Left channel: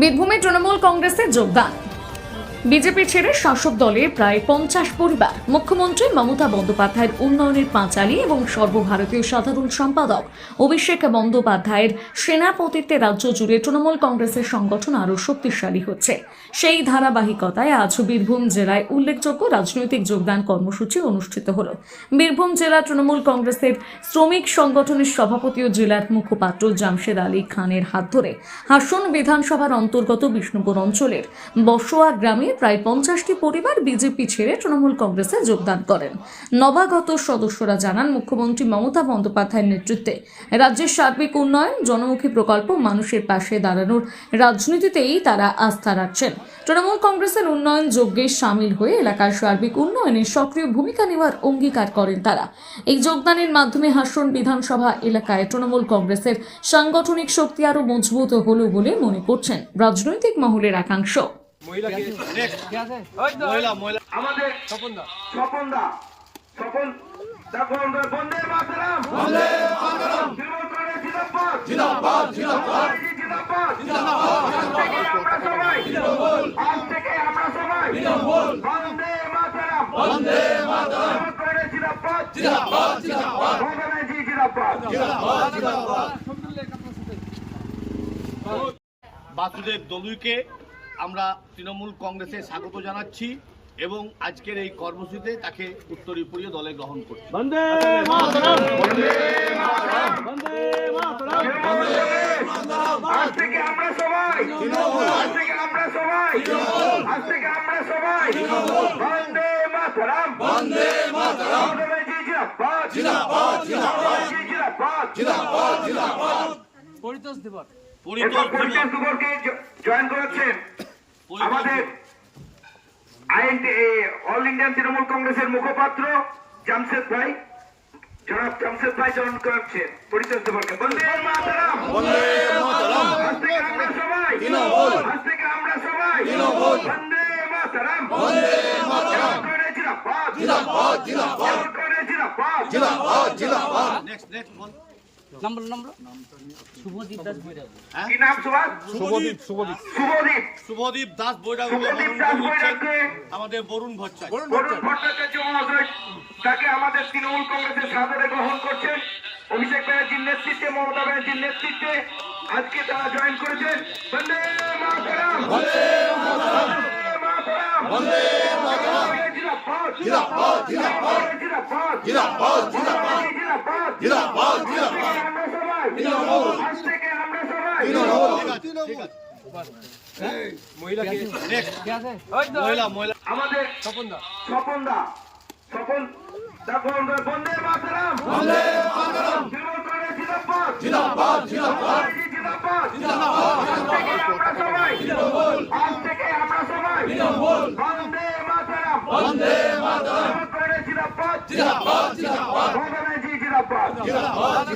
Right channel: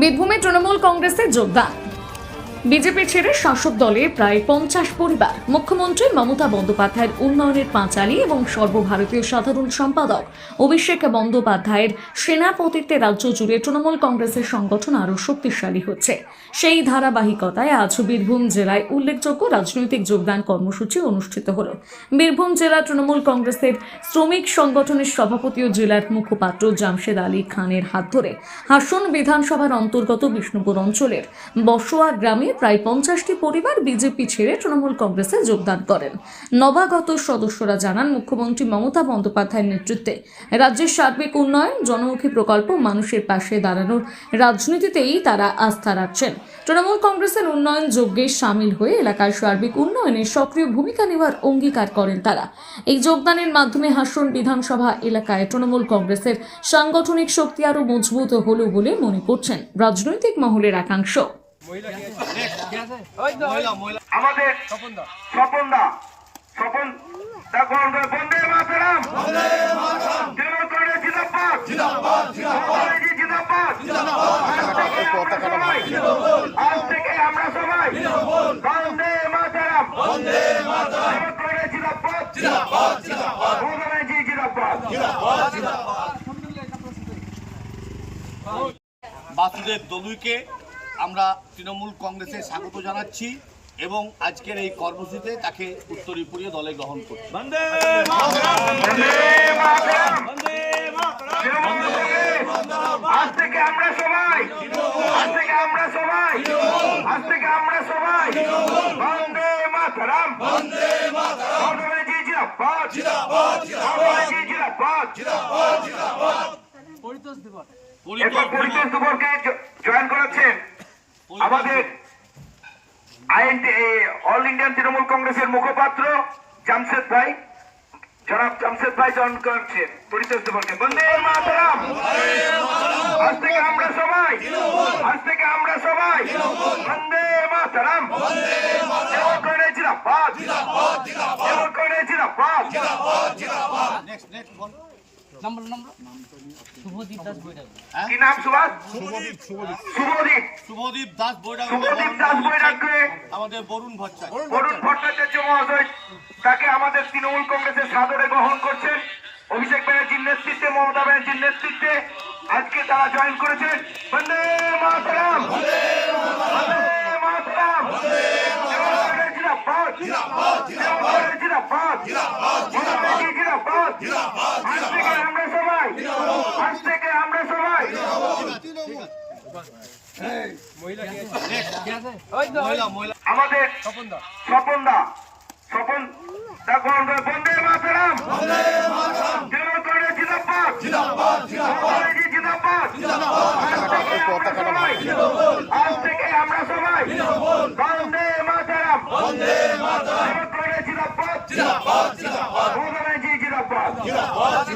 বীরভূমে তৃণমূল কংগ্রেসে যোগদান। বিজেপি ছেড়ে শাসক দলের প্রায় 50 পরিবার। মুখ্যমন্ত্রী মমতা বন্দ্যোপাধ্যায়ের উন্নয়নের পাঁচালী এবং সর্বভারতীয় সাধারণ সম্পাদক অভিষেক বন্দ্যোপাধ্যায়ের সেনাপতিত্বে রাজ্য জুড়ে তৃণমূল কংগ্রেসের সংগঠন আরও শক্তিশালী হচ্ছে। সেই ধারাবাহিকতায় আজ বীরভূম জেলায় উল্লেখযোগ্য রাজনৈতিক যোগদান কর্মসূচি অনুষ্ঠিত হল। বীরভূম জেলা তৃণমূল কংগ্রেসের শ্রমিক সংগঠনের সভাপতি ও জেলার মুখপাত্র জামশেদ আলী খানের হাত ধরে হাসন বিধানসভার অন্তর্গত বিষ্ণুপুর অঞ্চলের বসোয়া গ্রামে প্রায় 50টি পরিবার বিজেপি ছেড়ে তৃণমূল কংগ্রেসে যোগদান করেন। নবাগত সদস্যরা জানান, মুখ্যমন্ত্রী মমতা বন্দ্যোপাধ্যায়ের নেতৃত্বে রাজ্যের সার্বিক উন্নয়ন, জনমুখী প্রকল্প, মানুষের পাশে দাঁড়ানোর রাজনীতিতেই তারা আস্থা রাখছেন। তৃণমূল কংগ্রেসের উন্নয়ন যজ্ঞে সামিল হয়ে এলাকার সার্বিক উন্নয়নে সক্রিয় ভূমিকা নেওয়ার অঙ্গীকার করেন তারা। এই যোগদানের মাধ্যমে হাসন বিধানসভা এলাকায় তৃণমূল কংগ্রেসের সাংগঠনিক শক্তি আরও মজবুত হল বলে মনে করছেন রাজনৈতিক মহলের একাংশ। আমাদের স্বপন বন্দে মাতরম, তৃণমূল কংগ্রেস জিন্দাবাদ, জিন্দাবাদ। আজ থেকে আমরা সবাই বন্দে মাতরম, তৃণমূল কংগ্রেস জিন্দাবাদ, জিন্দাবাদ। বাসুদেব দলুইকে আমরা তৃণমূল কংগ্রেসে স্বাগত জানাচ্ছি এবং আজকের এই কর্মসূচিতে তাকে উত্তরীয় দলে গ্রহণ করছি। আজ থেকে আমরা সবাই বন্দে মাতরম, জয়েন করেছেন আমাদের অল ইন্ডিয়ান তৃণমূল কংগ্রেসের মুখপাত্র জামশেদ ভাই, জনাব জামশেদ ভাই জয়েন করেছেন পরিচয় দেবকে। বন্দে মাতরম। আজ থেকে আমরা সবাই বন্দে মাতরম, তৃণমূল কংগ্রেস জিন্দাবাদ, তৃণমূল কংগ্রেস জিন্দাবাদ। কি নাম? শুভদীপ দাস বৈরাগ আমাদের বরুণ ভট্টাচার্য মহোদয় তাকে আমাদের তৃণমূল কংগ্রেসের সাদরে গ্রহণ করছেন। অভিষেক ব্যানার্জির নেতৃত্বে, মমতা ব্যানার্জির নেতৃত্বে আজকে তারা জয়েন করেছেন। বন্দে মাতরম, বন্দে মাতরম, জিন্দাবাদ, জিন্দাবাদ। আজ থেকে আমরা সবাই আমাদের স্বপন বন্দে মাতরম, তৃণমূল কংগ্রেস জিন্দাবাদ, জিন্দাবাদ। আজ থেকে আমরা সবাই বন্দে মাতরম, তৃণমূল কংগ্রেস জিন্দাবাদ, জিন্দাবাদ।